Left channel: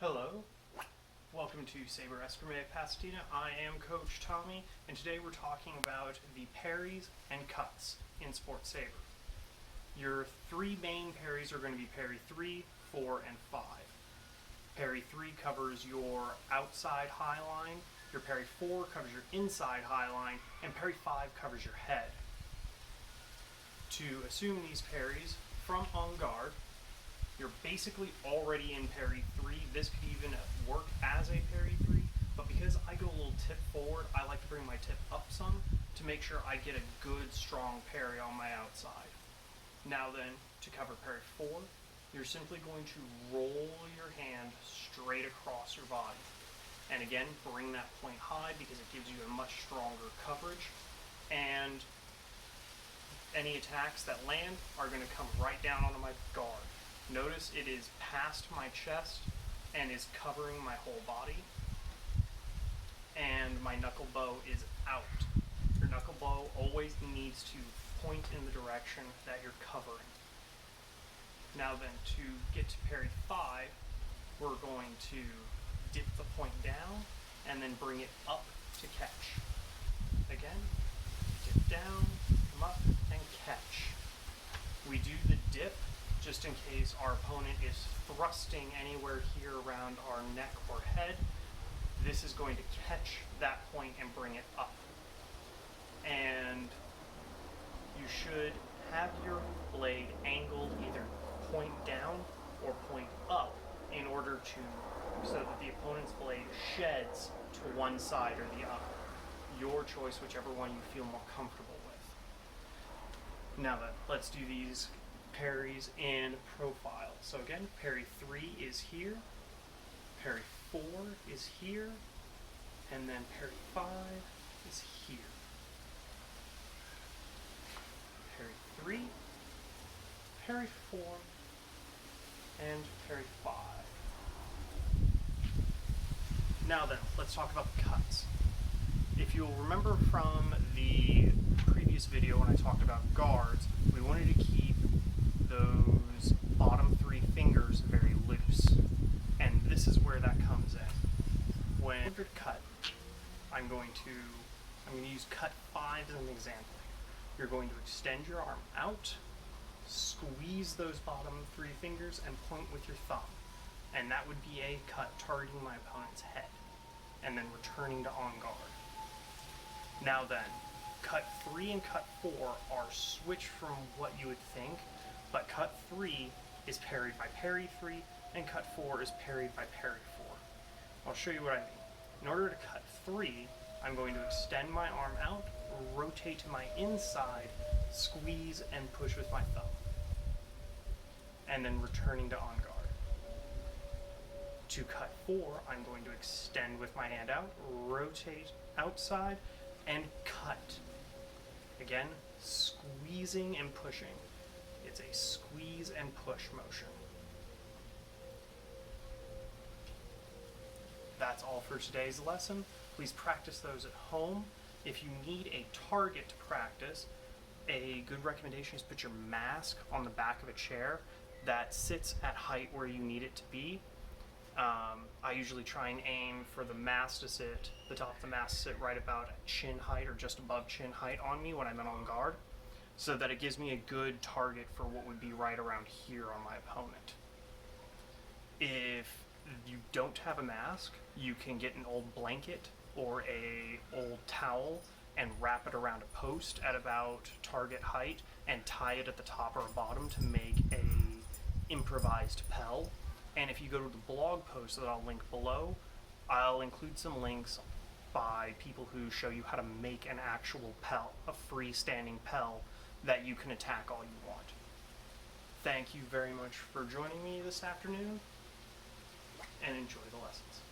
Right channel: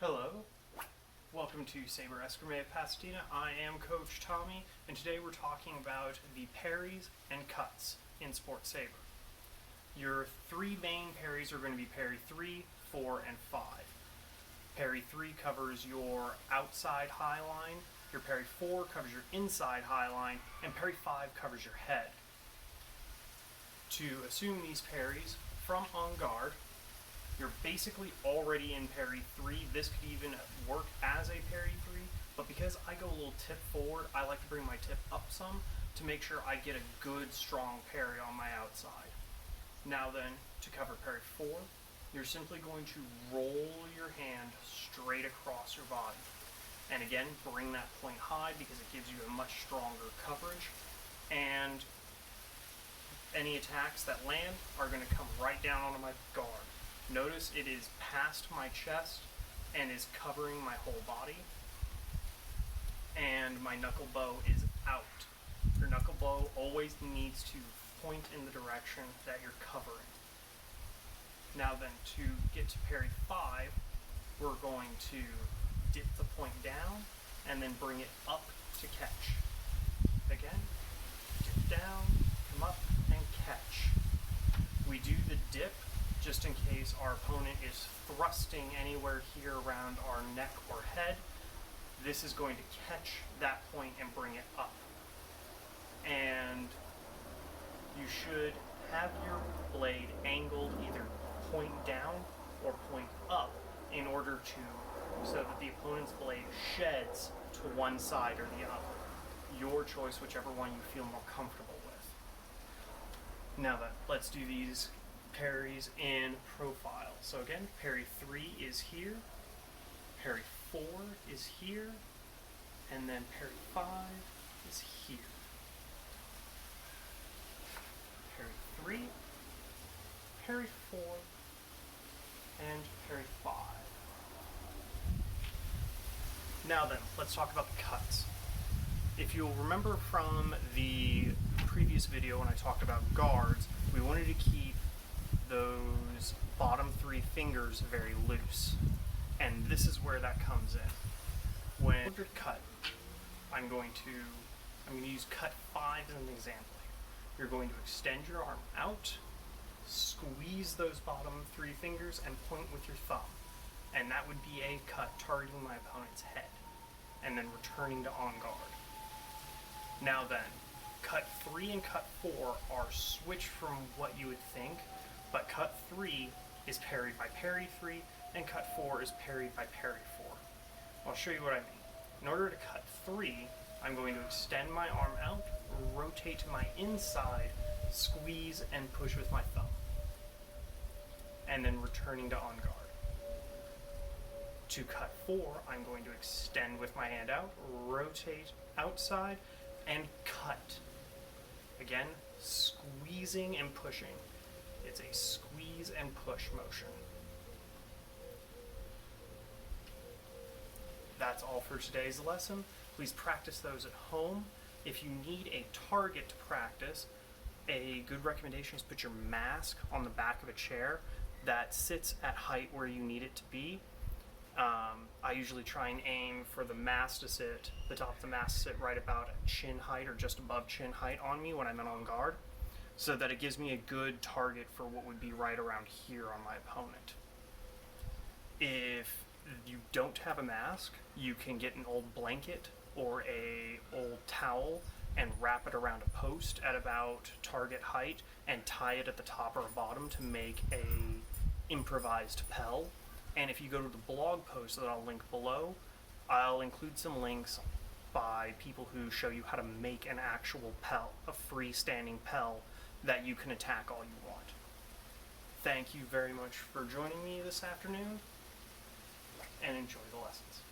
Hello, welcome to Sabre Escrime Pasadena. I am Coach Tommy, and today we're talking about the parries and cuts in Sports Sabre. Your three main parries are going to be parry 3, 4, and 5. Parry 3 covers your outside high line, your parry 4 covers your inside high line, and parry 5 covers your head. To assume these parries from on guard, you're basically already in parry 3. This could even work as a parry 3, but because I go a little tip forward, I like to bring my tip up some to make sure I get a good strong parry on my outside. Now then, to cover parry 4, you're simply going to roll your hand straight across your body. And again, bring that point high because it gives you a much stronger coverage, and any attacks that land are going to come right down onto my guard. Notice it is past my chest and is covering my whole body, and my knuckle bow is out. Your knuckle bow always needs to point in the direction that you're covering. Now then, to get to parry 5, we're going to dip the point down and then bring it up to catch. Again, dip down, come up, and catch. We do the dip just in case our opponent is thrusting anywhere here around our neck or head. This is going to catch that point and bring it up. And you should have your blade angled either point down or point up in order so that the opponent's blade sheds to one side or the other. Your choice, whichever one you feel more comfortable with. Now then, let's do these parries in profile. So again, parry 3 is here, parry 4 is here, and then parry 5 is here. Parry 3, parry 4, and parry 5. Now then, let's talk about the cuts. If you'll remember from the previous video when I talked about guards, we wanted to keep those bottom 3 fingers very loose. And this is where that comes in. When you're cut, I'm going to use cut 5 as an example here. You're going to extend your arm out, squeeze those bottom 3 fingers, and point with your thumb. And that would be a cut targeting my opponent's head, and then returning to on guard. Now then, cut 3 and cut 4 are switched from what you would think, but cut 3 is parried by parry 3, and cut 4 is parried by parry 4. I'll show you what I mean. In order to cut 3, I'm going to extend my arm out, rotate to my inside, squeeze and push with my thumb, and then returning to on guard. To cut 4, I'm going to extend with my hand out, rotate outside, and cut. Again, squeezing and pushing. It's a squeeze and push motion. That's all for today's lesson. Please practice those at home. If you need a target to practice, a good recommendation is put your mask on the back of a chair that sits at height where you need it to be. I usually try and aim for the mask to sit, the top of the mask to sit right about at chin height or just above chin height on me when I'm on guard, so that it gives me a good target for what would be right around here on my opponent. If you don't have a mask, you can get an old blanket or a old towel and wrap it around a post at about target height and tie it at the top or bottom to make a improvised pel. And if you go to the blog post that I'll link below, I'll include some links by people who show you how to make an actual pel, a freestanding pel that you can attack all you want. Thank you very much for joining me this afternoon, and enjoy the lessons.